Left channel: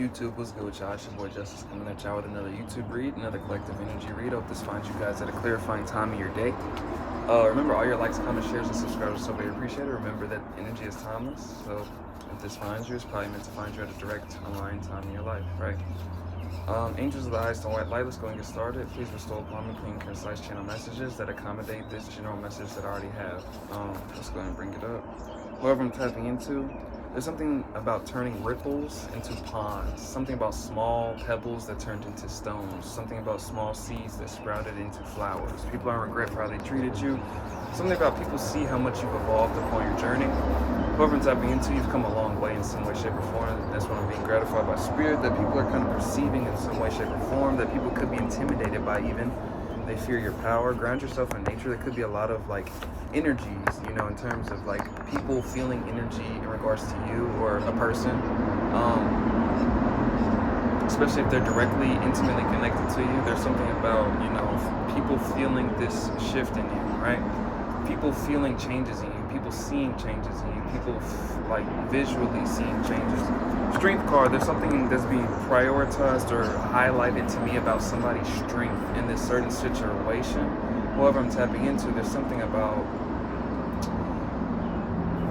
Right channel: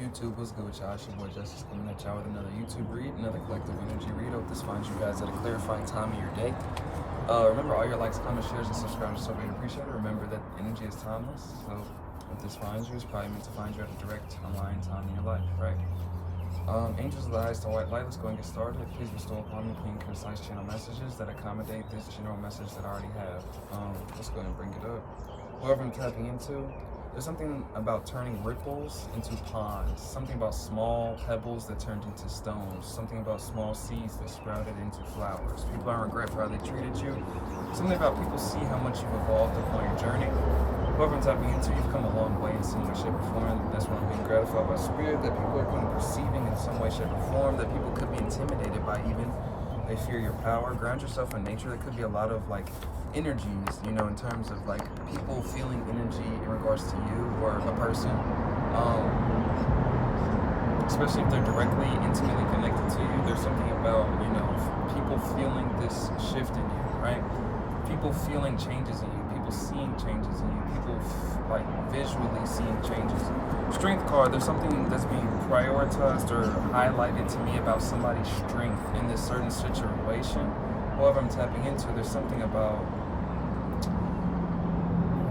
YouTube, what's good with y'all? It's your boy Justice coming at y'all with another YouTube read, another collective energy read. Hope this finds you guys at a clarifying time of your day. Remember, all your likes, comments, shares, and subscribers are so very appreciated. Remember that energy is timeless, so if this finds you, it's probably meant to find you at a direct aligned time in your life, right? Angels of the highest and white light, let's go and get started. Please bestow upon me clean, concise channel messages that accommodate this general message that I already have. Let's go ahead and bring it up. Whoever I'm tapping into, there's something about turning ripples into ponds, something about small pebbles that turned into stones, something about small seeds that sprouted into flowers. People aren't regret for how they treated you. Something about people see how much you've evolved upon your journey. Whoever I'm tapping into, you've come a long way in some way, shape, or form. That's what I'm being gratified by spirit, that people are kind of perceiving in some way, shape, or form, that people could be intimidated by even. They fear your power. Ground yourself in nature. There could be a lot of like energies, you know, in terms of like people feeling energy in regards to you or a person, especially if they're directly, intimately connected to you. There's something about, you know, people feeling this shift in you, right? People feeling changes in you, people seeing changes in you, people like visually seeing changes. Strength card, there's something that's being prioritized or highlighted to me about somebody's strength in this certain situation. Whoever I'm tapping into, there's something about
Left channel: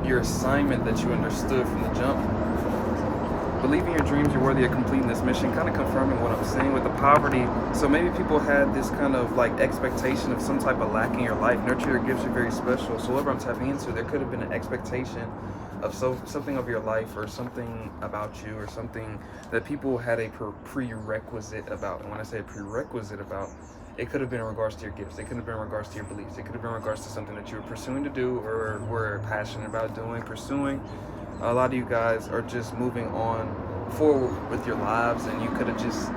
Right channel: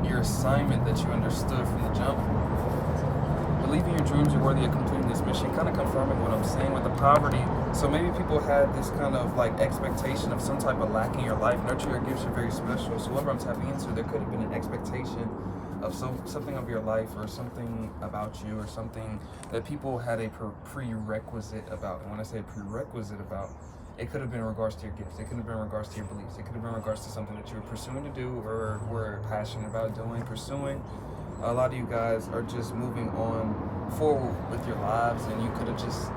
your assignment that you understood from the jump. Believing your dreams, you're worthy of completing this mission, kind of confirming what I'm saying with the poverty. So maybe people had this kind of like expectation of some type of lack in your life. Nurture your gifts are very special. So whatever I'm tapping into, there could have been an expectation of something of your life or something about you or something that people had a prerequisite about. And when I say prerequisite about, it could have been in regards to your gifts. It could have been in regards to your beliefs. It could have been in regards to something that you were pursuing to do or were passionate about doing, pursuing. A lot of you guys are just moving on forward with your lives, and you could have just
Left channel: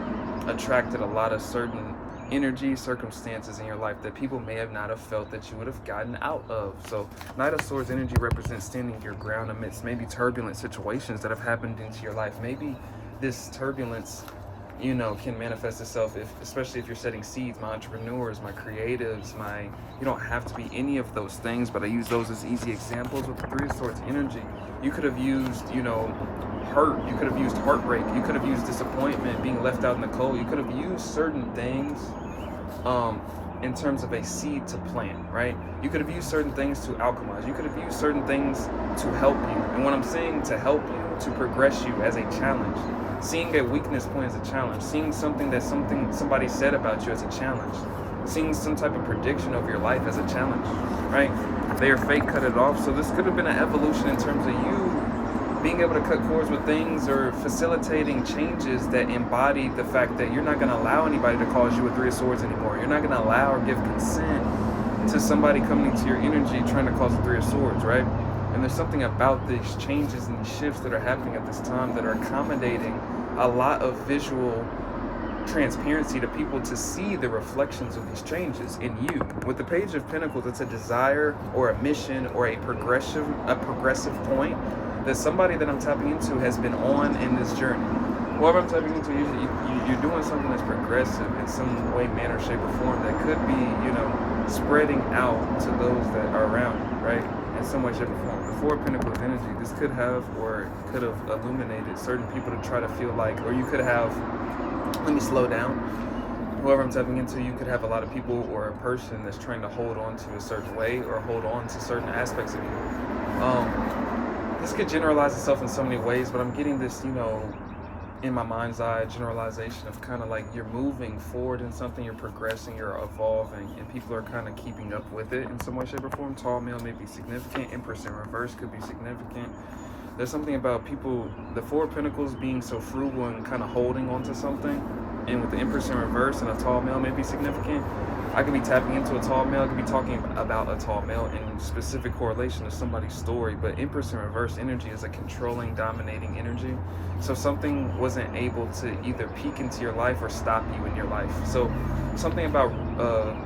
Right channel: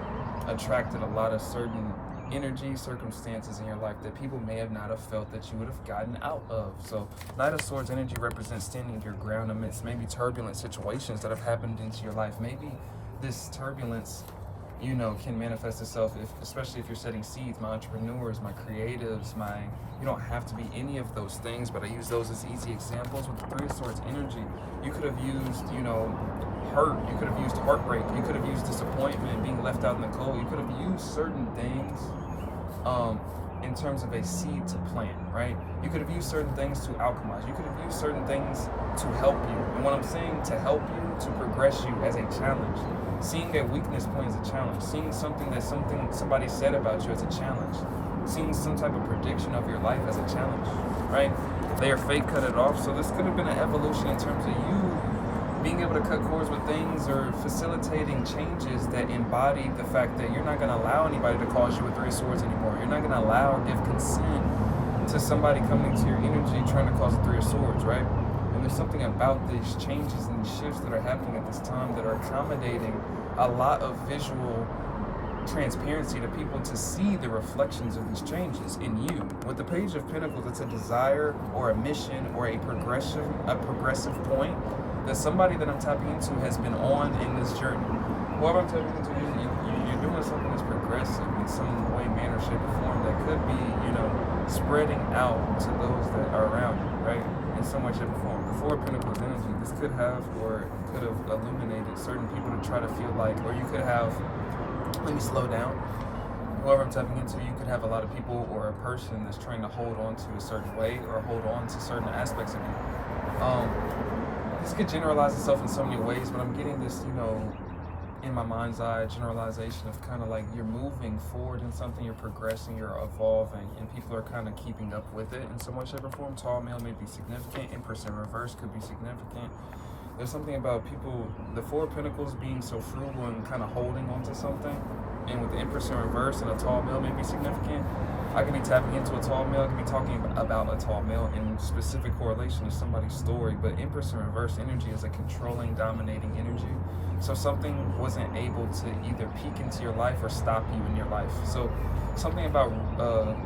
attracted a lot of certain energy, circumstances in your life that people may have not have felt that you would have gotten out of. So Knight of Swords energy represents standing your ground amidst maybe turbulent situations that have happened into your life. Maybe this turbulence, you know, can manifest itself especially if you're setting seeds. My entrepreneurs, my creatives, you don't have to be any of those things, but I use those as easy examples. With the Three of Swords energy, you could have used, you know, hurt, you could have used heartbreak, you could have used disappointment, being left out in the cold. You could have used certain things in terms of a seed to plant, right? You could have used certain things to alchemize. You could have used certain things to help you. And when I'm saying to help you, to progress you as a challenge. Seeing a weakness point as a challenge. Seeing something that somebody said about you as a challenge. Seeing some type of prediction of your life as a challenge, right? Their fate cut it off. So this could have been an evolution in terms of you being able to cut cords with things or facilitating changes that embody the fact that you're not going to allow anybody to cause you a Three of Swords anymore. You're not going to allow or give consent to somebody coming into your energy trying to cause a Three of Swords, right? And there's something about these changes and these shifts that are happening at this time that are accommodating a lot of visual transparency to people to see the reflections of these changes in you. With the Page of Pentacles, it's a desire or a mission or a progressive point that somebody that I'm tapping into has been on in this journey. Whoever I'm tapping into, you're doing something that's progressive in some way, manner, shape, or form that could be, you know, spreading out to those that are around you, right? In some way, shape, or form. The Four of Pentacles energy, this could have or could have illuminated certain people to try to feel like, or you could have, let me slow down. Whoever I'm tapping into, you could have a lot of people or a person that's trying to hold on to a certain way or hold on to certain aspects of you. This could generalize itself in so many ways, but I'm getting this, you know, in my mind's eye, generalization of kind of like you're moving forward in something, you're progressing, you're evolving, and people are kind of keeping up with it in some way, shape, or form. Tall male may be significant. Empress in reverse could be significant. There's something about people, the Four of Pentacles being so frugal and kind of holding onto something, and with the Empress in reverse and a tall male may be significant. I could be tapping into a tall male, I could be talking about a tall male in specific correlation to somebody's story, but Empress in reverse energy is a controlling, dominating energy. So something wasn't able to either peek into your life or stop you in your life. So something about,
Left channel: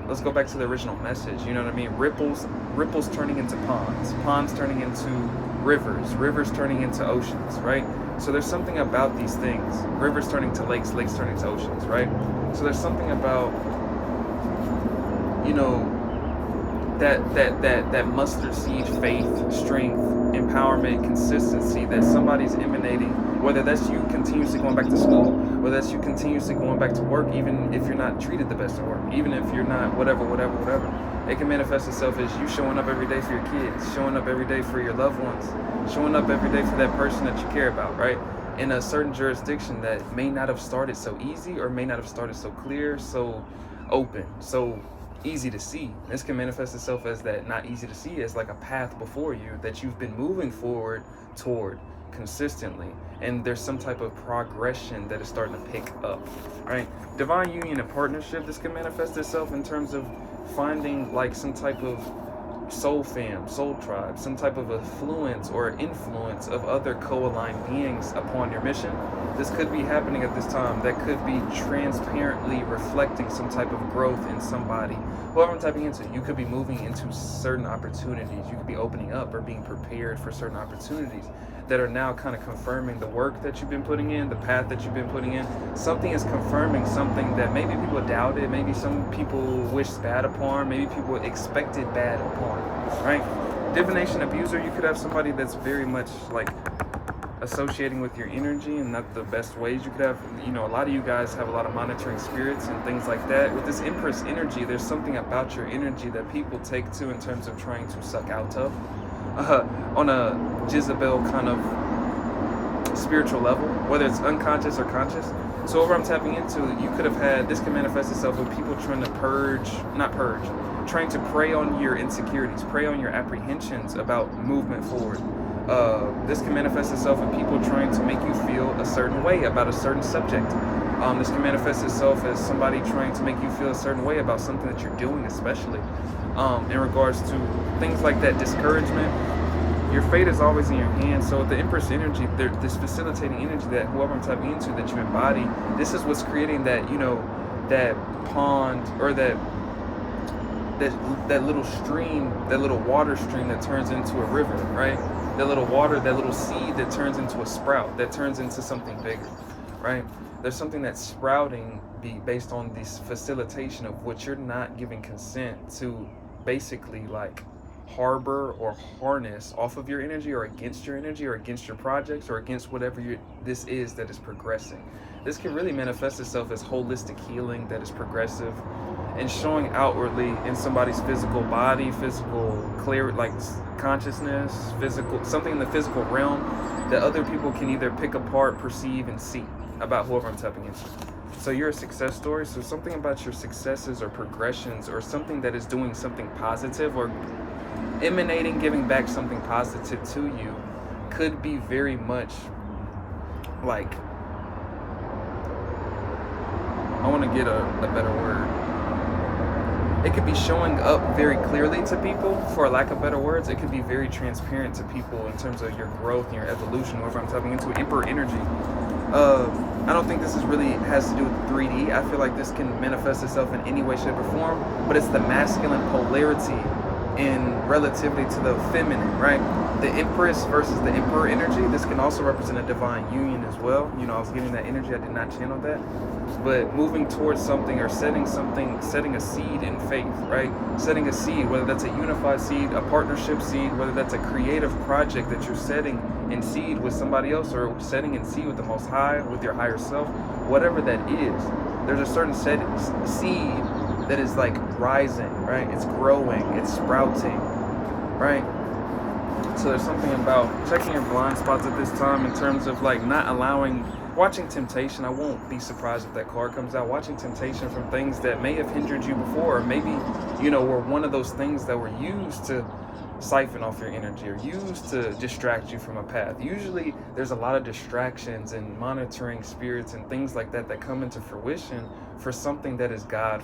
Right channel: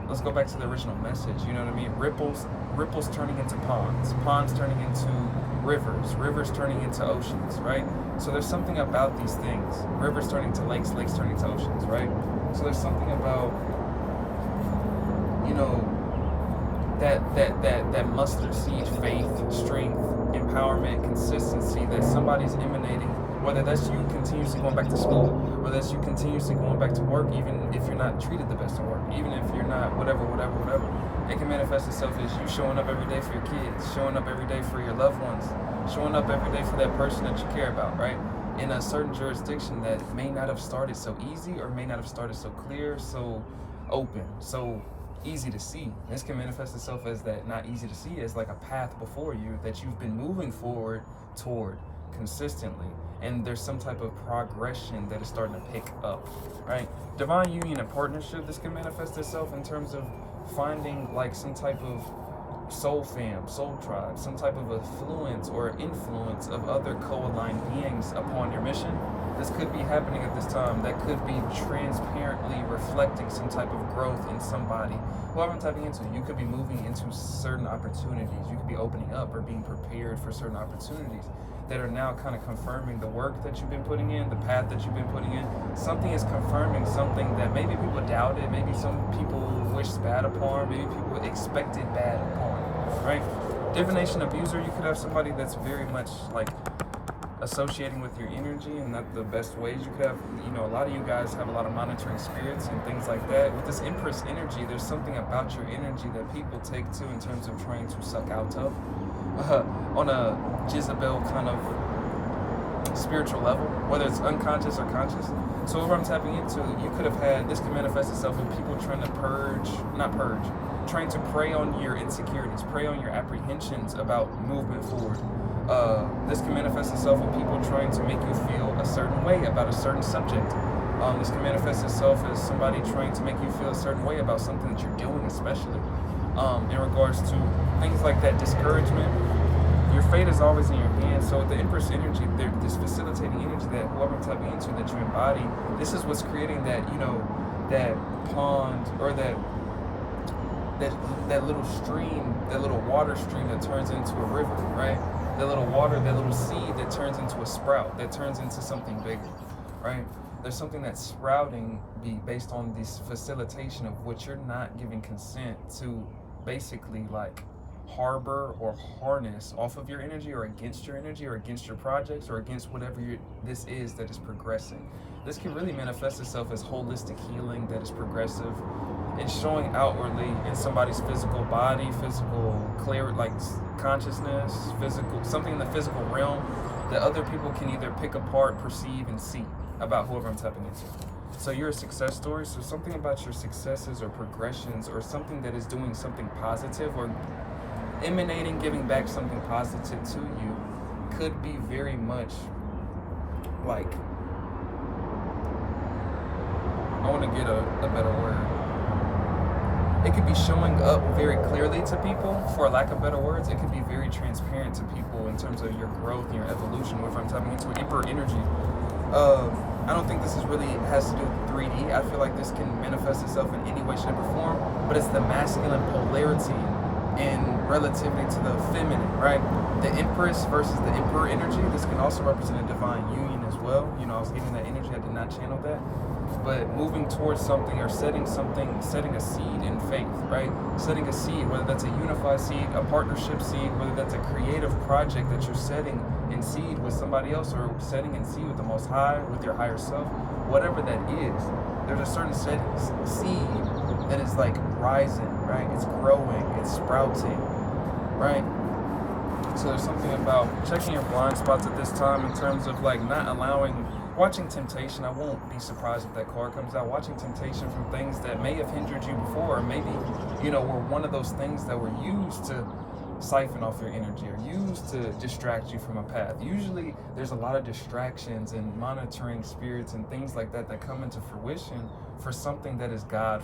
let's go back to the original message, you know what I mean? Ripples turning into ponds, ponds turning into rivers, rivers turning into oceans, right? So there's something about these things, rivers turning to lakes, lakes turning to oceans, right? So there's something about, you know, that mustard seed faith, strength, empowerment, consistency that somebody's emanating, whether that's you continuously going back to school, whether that's you continuously going back to work, even if you're not treated the best at work, even if you're not whatever. It can manifest itself as you showing up every day for your kids, showing up every day for your loved ones, showing up every day for that person that you care about, right? In a certain jurisdiction that may not have started so easy, or may not have started so clear, so open, so easy to see. This can manifest itself as that not easy to see, as like a path before you that you've been moving forward toward consistently, and there's some type of progression that is starting to pick up, right? Divine union and partnership, this can manifest itself in terms of finding like some type of soul fam, soul tribe, some type of affluence or influence of other co-aligned beings upon your mission. This could be happening at this time. That could be transparently reflecting some type of growth in somebody. Whoever I'm typing into, you could be moving into certain opportunities. You could be opening up or being prepared for certain opportunities that are now kind of confirming the work that you've been putting in, the path that you've been putting in. Something is confirming something that maybe people doubted, maybe some people wished bad upon, maybe people expected bad upon, right? Divination abuser, you could have somebody that's very much like associating with your energy and not the best ways. You could have, you know, a lot of you guys have a lot of monitoring spirits and things like that. With this Empress energy, there's something about your energy that people take to in terms of trying to suck out of. On a Jezebel kind of spiritual level, whether it's unconscious or conscious. So whatever I'm tapping into, you could have had, this can manifest itself with people trying to trying to prey on your insecurities, prey on your apprehensions about movement forward. This can manifest itself with people trying to make you feel a certain way about a certain subject. This can manifest itself as somebody trying to make you feel a certain way about something that you're doing, especially in regards to things like that, discouragement. Your fate is always in your hands. So with the Empress energy, this facilitating energy that whoever I'm tapping into, that you embody, this is what's creating that, you know, that pond, or that little stream, that little water stream that turns into a river, right? That little water, that little seed that turns into a sprout, that turns into something bigger, right? There's something that's sprouting based on this facilitation of what you're not giving consent to basically like harbor or harness off of your energy, or against your energy, or against your projects, or against whatever this is that is progressing. This can really manifest itself as holistic healing that is progressive and showing outwardly in somebody's physical body, physical clear, like consciousness, physical, something in the physical realm that other people can either pick apart, perceive, and see about whoever I'm tapping into. So you're a success story. So something about your successes or progressions, or something that is doing something positive or emanating, giving back something positive to you, could be very much like, I want to get a better word. It could be showing up very clearly to people, for lack of better words. It could be very transparent to people in terms of your growth and your evolution, whatever I'm tapping into. Emperor energy. I don't think this is really has to do with 3D. I feel like this can manifest itself in any way, shape, or form, but it's the masculine polarity in relativity to the feminine, right? The Empress versus the Emperor energy. This can also represent a divine union as well. You know, I was getting that energy, I did not channel that. But moving towards something, or setting a seed in faith, right? Setting a seed, whether that's a unified seed, a partnership seed, whether that's a creative project that you're setting in seed with somebody else, or setting in seed with the Most High, with your higher self, whatever that is. There's a certain seed that is like rising, right? It's growing, it's sprouting, right? So there's something about checking your blind spots at this time in terms of like not allowing, watching temptation. I won't be surprised if that card comes out. Watching temptation from things that may have hindered you before, or maybe, you know, were one of those things that were used to siphon off your energy, or used to distract you from a path. Usually there's a lot of distractions and monitoring spirits and things like that that come into fruition for something that is God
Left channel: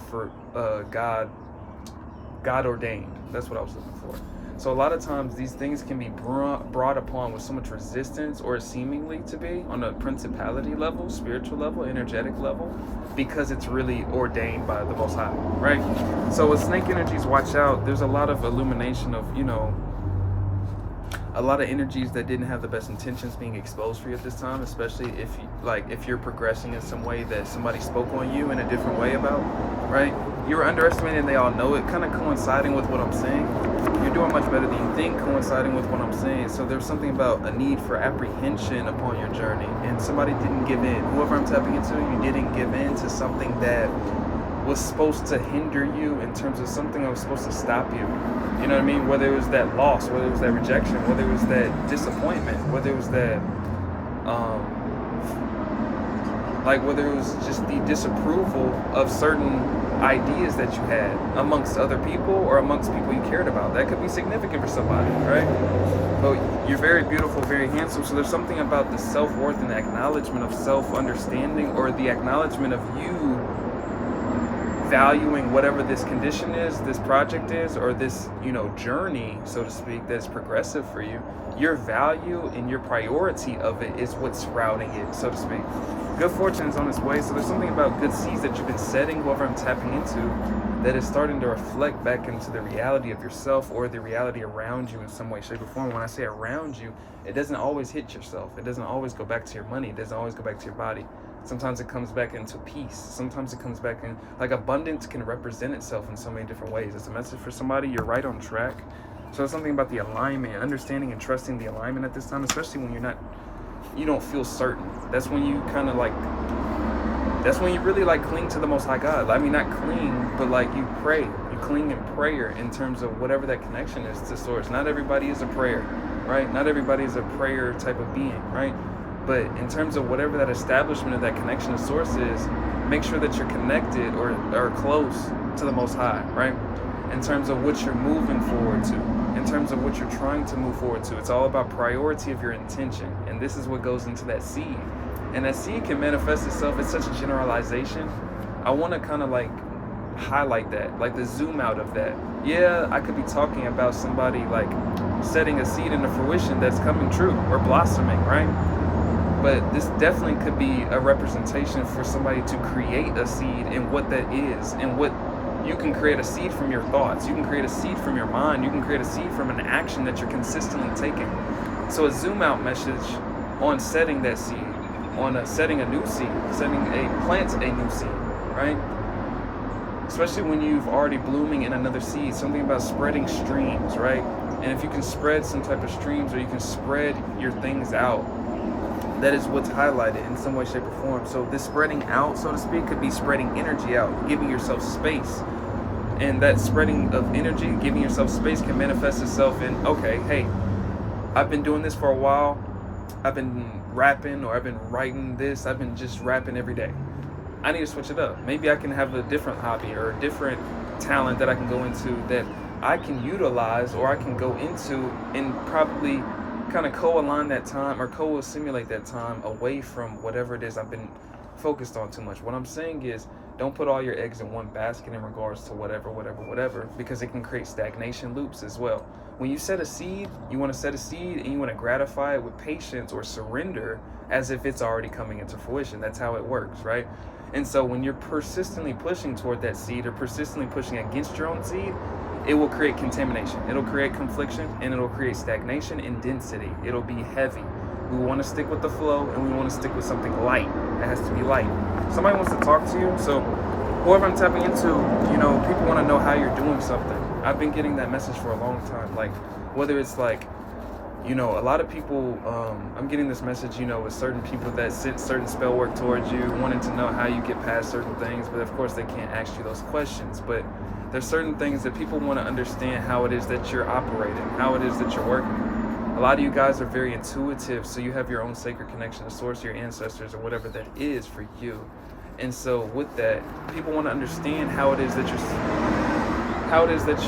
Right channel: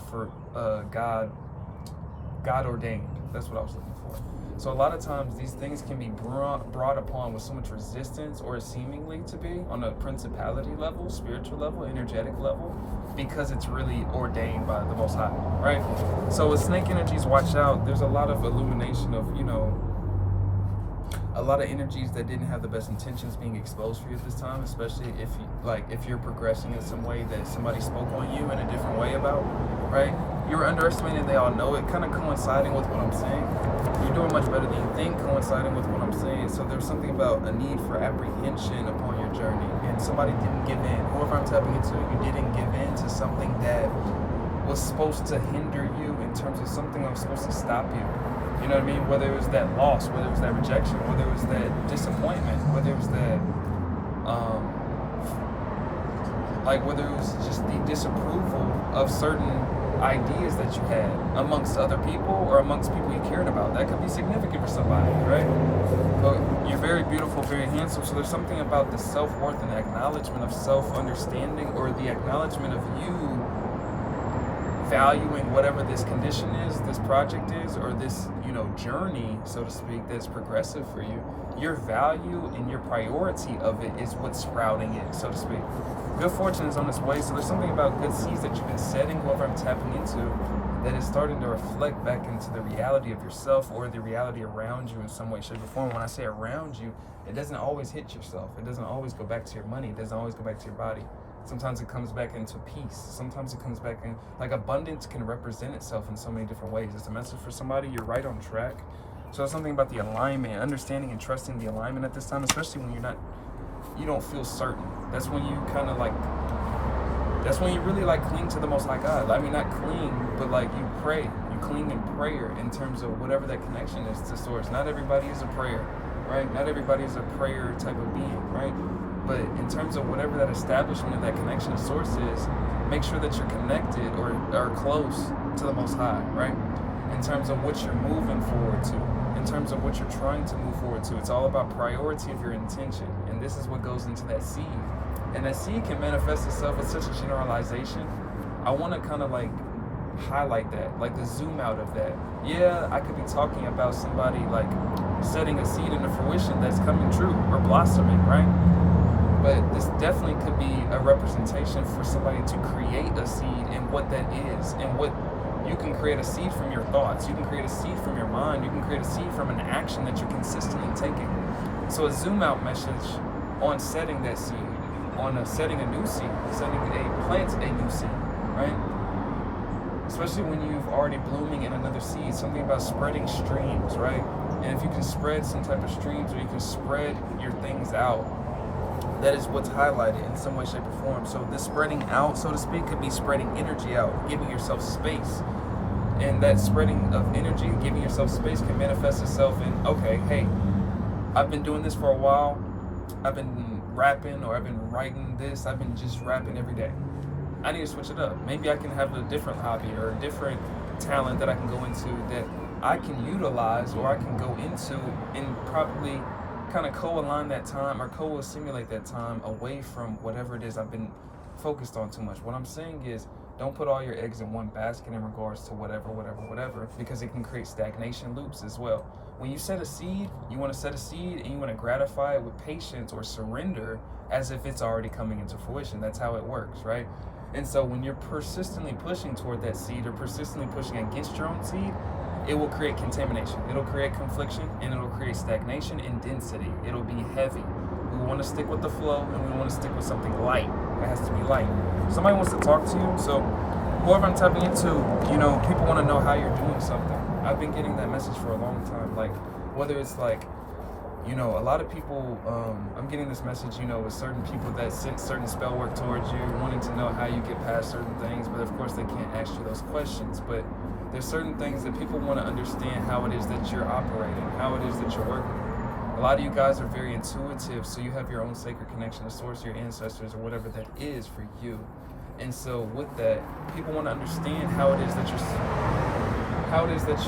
ordained. That's what I was looking for. So a lot of times these things can be brought upon with so much resistance, or seemingly to be, on a principality level, spiritual level, energetic level, because it's really ordained by the Most High, right? So with snake energies, watch out. There's a lot of illumination of, you know, a lot of energies that didn't have the best intentions being exposed for you at this time, especially if you're progressing in some way that somebody spoke on you in a different way about, right? You were underestimated and they all know it, kind of coinciding with what I'm saying. You're doing much better than you think, coinciding with what I'm saying. So there's something about a need for apprehension upon your journey, and somebody didn't give in. Whoever I'm tapping into, you didn't give in to something that was supposed to hinder you, in terms of something that was supposed to stop you. You know what I mean? Whether it was that loss, whether it was that rejection, whether it was that disappointment, whether it was that, whether it was just the disapproval of certain ideas that you had amongst other people or amongst people you cared about. That could be significant for somebody, right? But you're very beautiful, very handsome. So there's something about the self-worth and the acknowledgement of self-understanding, or the acknowledgement of you valuing whatever this condition is, this project is, or this, journey, so to speak, that's progressive for you. Your value and your priority of it is what's sprouting it, so to speak. Good fortune is on its way. So there's something about good seeds that you've been setting, whoever I'm tapping into, that is starting to reflect back into the reality of yourself, or the reality around you in some way, shape, or form. When I say around you, it doesn't always hit yourself. It doesn't always go back to your money. It doesn't always go back to your body. Sometimes it comes back into peace. Sometimes it comes back in, abundance can represent itself in so many different ways. It's a message for somebody. You're right on track. So it's something about the alignment, understanding and trusting the alignment at this time, especially when you don't feel certain. That's when you that's when you really cling to the Most High God. I mean, not cling, but you pray. You cling in prayer in terms of whatever that connection is to Source. Not everybody is a prayer, right? Not everybody is a prayer type of being, right? But in terms of whatever that establishment of that connection to Source is, make sure that you're connected or close to the Most High, right? In terms of what you're moving forward to, in terms of what you're trying to move forward to. It's all about priority of your intention. And this is what goes into that seed. And that seed can manifest itself as such a generalization. I want to kind of highlight that, the zoom out of that. Yeah, I could be talking about somebody setting a seed into fruition that's coming true or blossoming, right? But this definitely could be a representation for somebody to create a seed, and what that is, and what you can create a seed from your thoughts. You can create a seed from your mind. You can create a seed from an action that you're consistently taking. So a zoom out message on setting that seed, on setting a new seed, plant a new seed, right? Especially when you've already blooming in another seed, something about spreading streams, right? And if you can spread some type of streams, or you can spread your things out, that is what's highlighted in some way, shape, or form. So this spreading out, so to speak, could be spreading energy out, giving yourself space. And that spreading of energy, giving yourself space, can manifest itself in, okay, hey, I've been doing this for a while. I've been rapping, or I've been writing this. I've been just rapping every day. I need to switch it up. Maybe I can have a different hobby or a different talent that I can go into, that I can utilize, or I can go into, and probably kind of co-align that time, or co-assimilate that time away from whatever it is I've been focused on too much. What I'm saying is, don't put all your eggs in one basket in regards to whatever, because it can create stagnation loops as well. When you set a seed, you want to set a seed and you want to gratify it with patience or surrender as if it's already coming into fruition. That's how it works, right? And so when you're persistently pushing toward that seed, or persistently pushing against your own seed, it will create contamination. It'll create confliction, and it'll create stagnation and density. It'll be heavy. We want to stick with the flow, and we want to stick with something light. It has to be light. Somebody wants to talk to you, so whoever I'm tapping into, people want to know how you're doing something. I've been getting that message for a long time. Whether it's a lot of people, I'm getting this message, with certain people that sent certain spell work towards you, wanting to know how you get past certain things, but of course they can't ask you those questions. But there's certain things that people want to understand, how it is that you're operating, how it is that you're working. A lot of you guys are very intuitive, so you have your own sacred connection to Source, your ancestors, or whatever that is for you. And so with that, people want to understand how it is that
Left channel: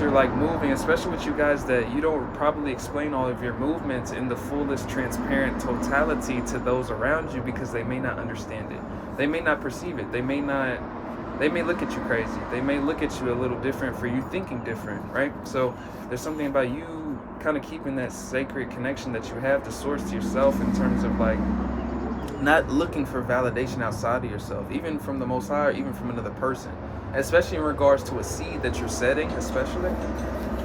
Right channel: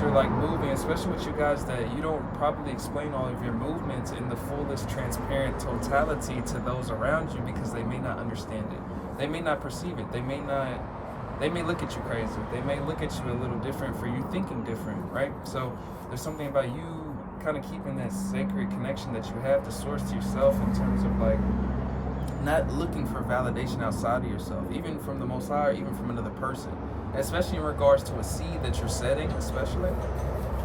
you're moving, especially with you guys that you don't probably explain all of your movements in the fullest transparent totality to those around you, because they may not understand it. They may not perceive it. They may look at you crazy. They may look at you a little different for you thinking different, right? So there's something about you kind of keeping that sacred connection that you have to Source, to yourself, in terms of not looking for validation outside of yourself, even from the Most High, or even from another person, especially in regards to a seed that you're setting, especially.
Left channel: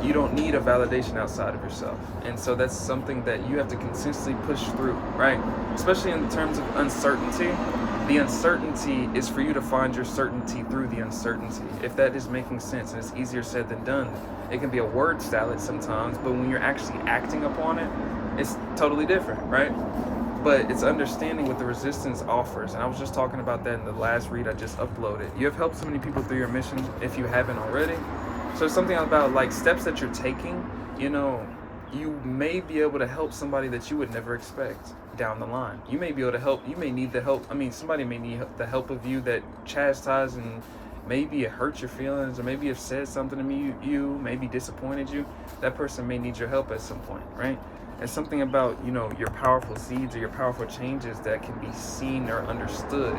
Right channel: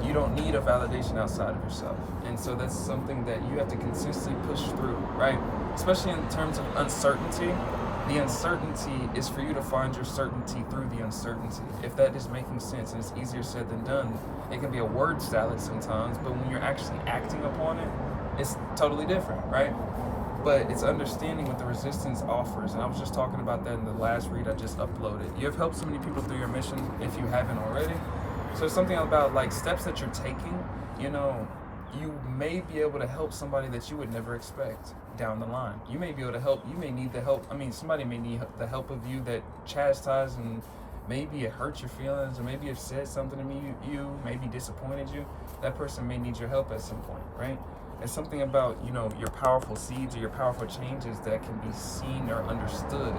You don't need a validation outside of yourself. And so that's something that you have to consistently push through, right? Especially in terms of uncertainty. The uncertainty is for you to find your certainty through the uncertainty. If that is making sense, and it's easier said than done. It can be a word salad sometimes, but when you're actually acting upon it, it's totally different, right? But it's understanding what the resistance offers. And I was just talking about that in the last read I just uploaded. You have helped so many people through your mission if you haven't already. So something about like steps that you're taking, you know, you may be able to help somebody that you would never expect down the line. You may be able to help, you may need the help. I mean, somebody may need the help of you that chastised and maybe it hurt your feelings, or maybe it said something to me, you maybe disappointed you. That person may need your help at some point, right? It's something about, you know, your powerful seeds or your powerful changes that can be seen or understood.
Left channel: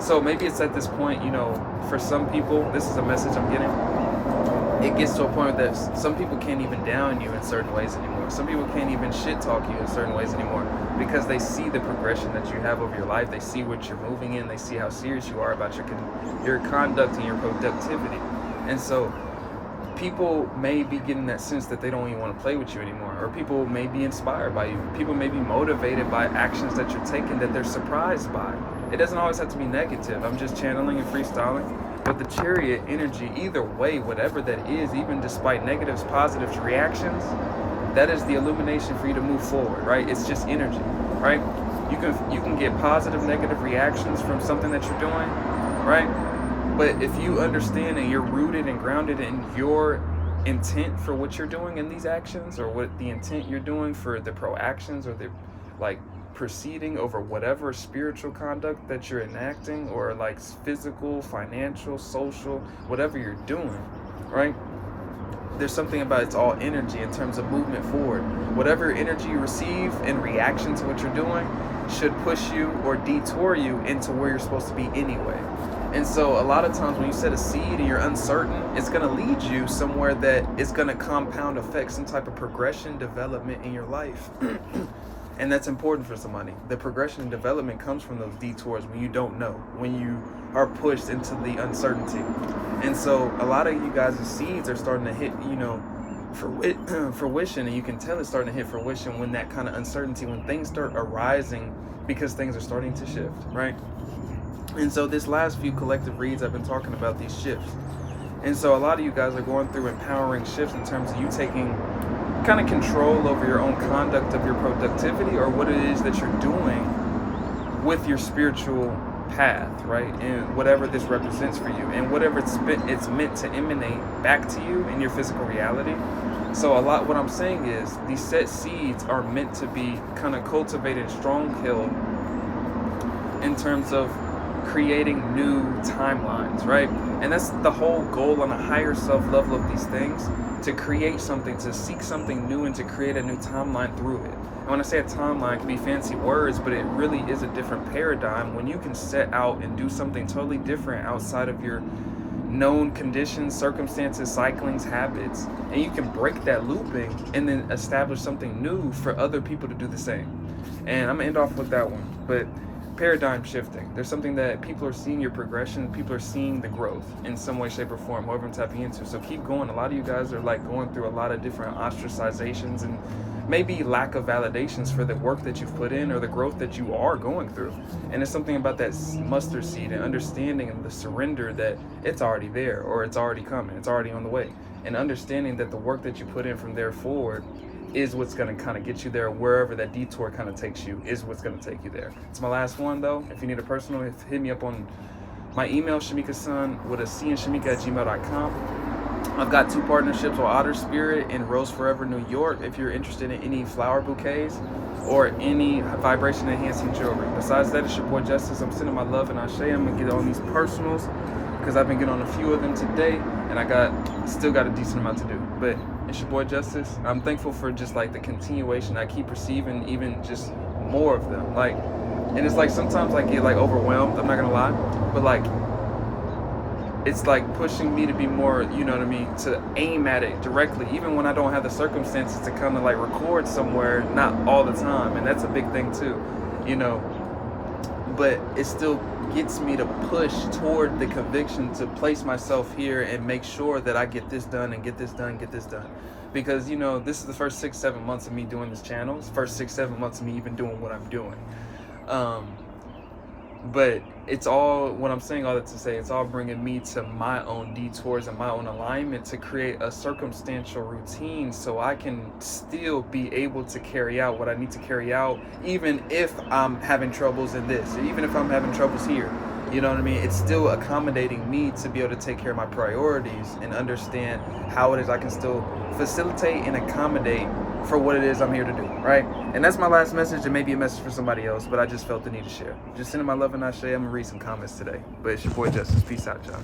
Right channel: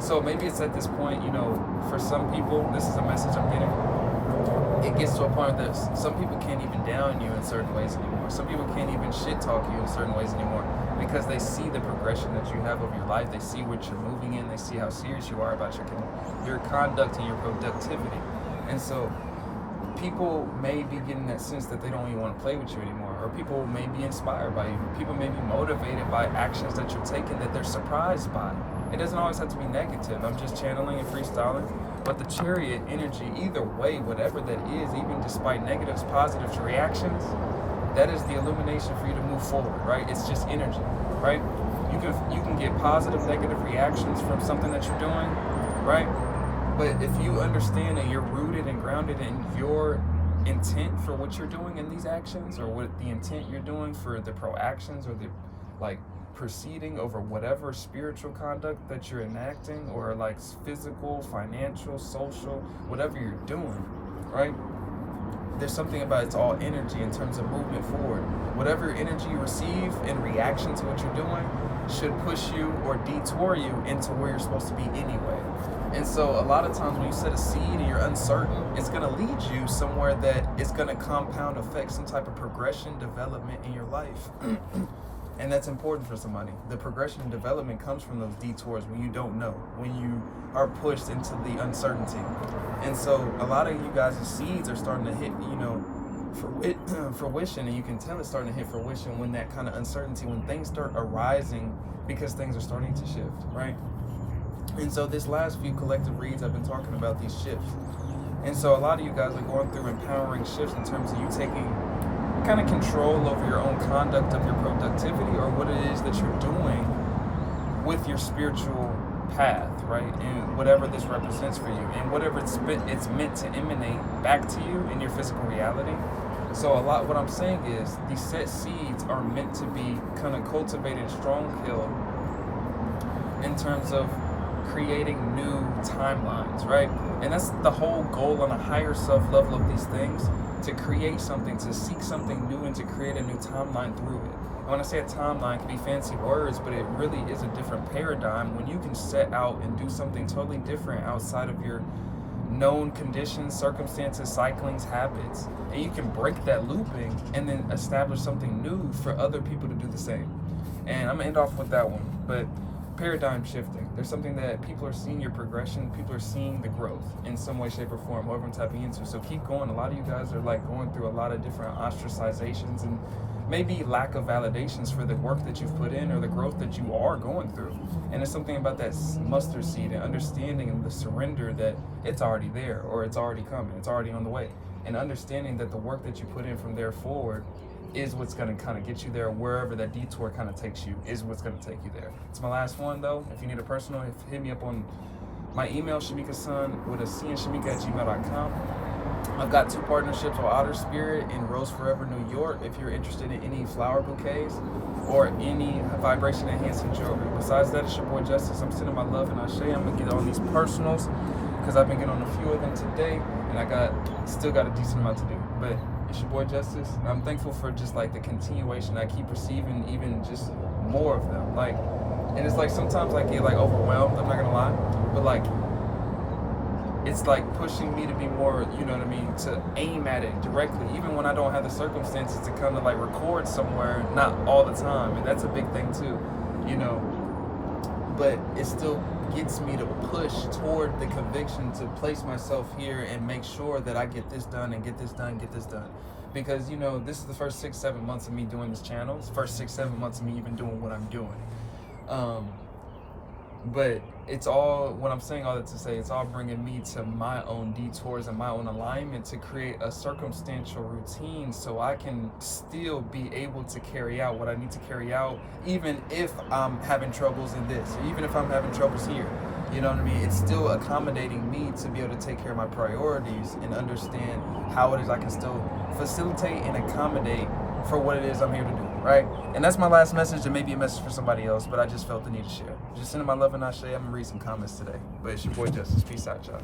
So maybe it's at this point, you know, for some people, this is a message I'm getting. It gets to a point that some people can't even down you in certain ways anymore. Some people can't even shit talk you in certain ways anymore because they see the progression that you have over your life. They see what you're moving in. They see how serious you are about your conduct and your productivity. And so people may be getting that sense that they don't even want to play with you anymore, or people may be inspired by you. People may be motivated by actions that you're taking that they're surprised by. It doesn't always have to be negative. I'm just channeling and freestyling. But the chariot energy, either way, whatever that is, even despite negatives, positives, reactions, that is the illumination for you to move forward, right? It's just energy, right? You can get positive, negative reactions from something that you're doing, right? But if you understand and you're rooted and grounded in your intent for what you're doing in these actions, or what the intent you're doing for the proactions or the like proceeding over whatever spiritual conduct that you're enacting, or like physical, financial, social, whatever you're doing, right? There's something about it's all energy in terms of movement forward. Whatever energy you receive in reaction to what you're doing should push you or detour you into where you're supposed to be anyway. And so a lot of times when you set a seed and you're uncertain, it's going to lead you somewhere that is going to compound effect, some type of progression, development in your life. And that's important for somebody. The progression and development comes from those detours when you don't know, when you are pushed into the uncertainty. And so a lot of you guys' seeds are starting to hit, you know, fruition, and you can tell it's starting to hit fruition when that kind of uncertainty, when things start arising because things are starting to shift, right? And so this last few collective reads, I've been talking about these shifts. And so a lot of you guys are going through empowering shifts in terms of you taking kind of control over your own conduct of your productivity, or what it is that you're doing with your spiritual path, right? And whatever this represents for you, and whatever it's meant to emanate back to you in your physical reality. So what I'm saying is these set seeds are meant to be kind of cultivated strong-hilled in terms of creating new timelines, right? And that's the whole goal on a higher self level of these things, to create something, to seek something new, and to create a new timeline through it. And when I say a timeline, it can be fancy words, but it really is a different paradigm when you can set out and do something totally different outside of your known conditions, circumstances, cyclings, habits, and you can break that looping and then establish something new for other people to do the same. And I'm gonna end off with that one, but paradigm shifting. There's something that people are seeing your progression, people are seeing the growth in some way, shape, or form, however I'm tapping into. So keep going. A lot of you guys are like going through a lot of different ostracizations and maybe lack of validations for the work that you've put in or the growth that you are going through. And it's something about that mustard seed and understanding and the surrender that it's already there, or it's already coming, it's already on the way. And understanding that the work that you put in from there forward is what's going to kind of get you there. Wherever that detour kind of takes you is what's going to take you there. It's my last one though. If you need a personal, hit me up on my email, Shamika-san with a C and Shamika@gmail.com. I've got 2 partnerships with Otter Spirit in Rose Forever, New York, if you're interested in any flower bouquets or any vibration enhancing jewelry. Besides that, it's your boy Justice. I'm sending my love and Ashe. I'm going to get on these personals because I've been getting on a few of them today, and I still got a decent amount to do. But it's your boy Justice. I'm thankful for just like the continuation. I keep receiving even just more of them. Like, and it's like sometimes I get like overwhelmed, I'm not gonna lie, but like it's like pushing me to be more, you know what I mean, to aim at it directly, even when I don't have the circumstances to come to like record somewhere, not all the time. And that's a big thing too, you know. but it still gets me to push toward the conviction to place myself here and make sure that I get this done and get this done, because, you know, this is the first 6-7 months of me doing this channel. It's the first 6-7 months of me even doing what I'm doing. But it's all, what I'm saying all that to say, it's all bringing me to my own detours and my own alignment to create a circumstantial routine so I can still be able to carry out what I need to carry out, even if I'm having troubles in this, even if I'm having troubles here. You know what I mean? It's still accommodating me to be able to take care of my priorities and understand how it is I can still facilitate and accommodate for what it is I'm here to do, right? And that's my last message. It may be a message for somebody else, but I just felt the need to share. Just sending my love and ashe. I'm gonna read some comments today. But it's your boy Justice. Peace out, y'all.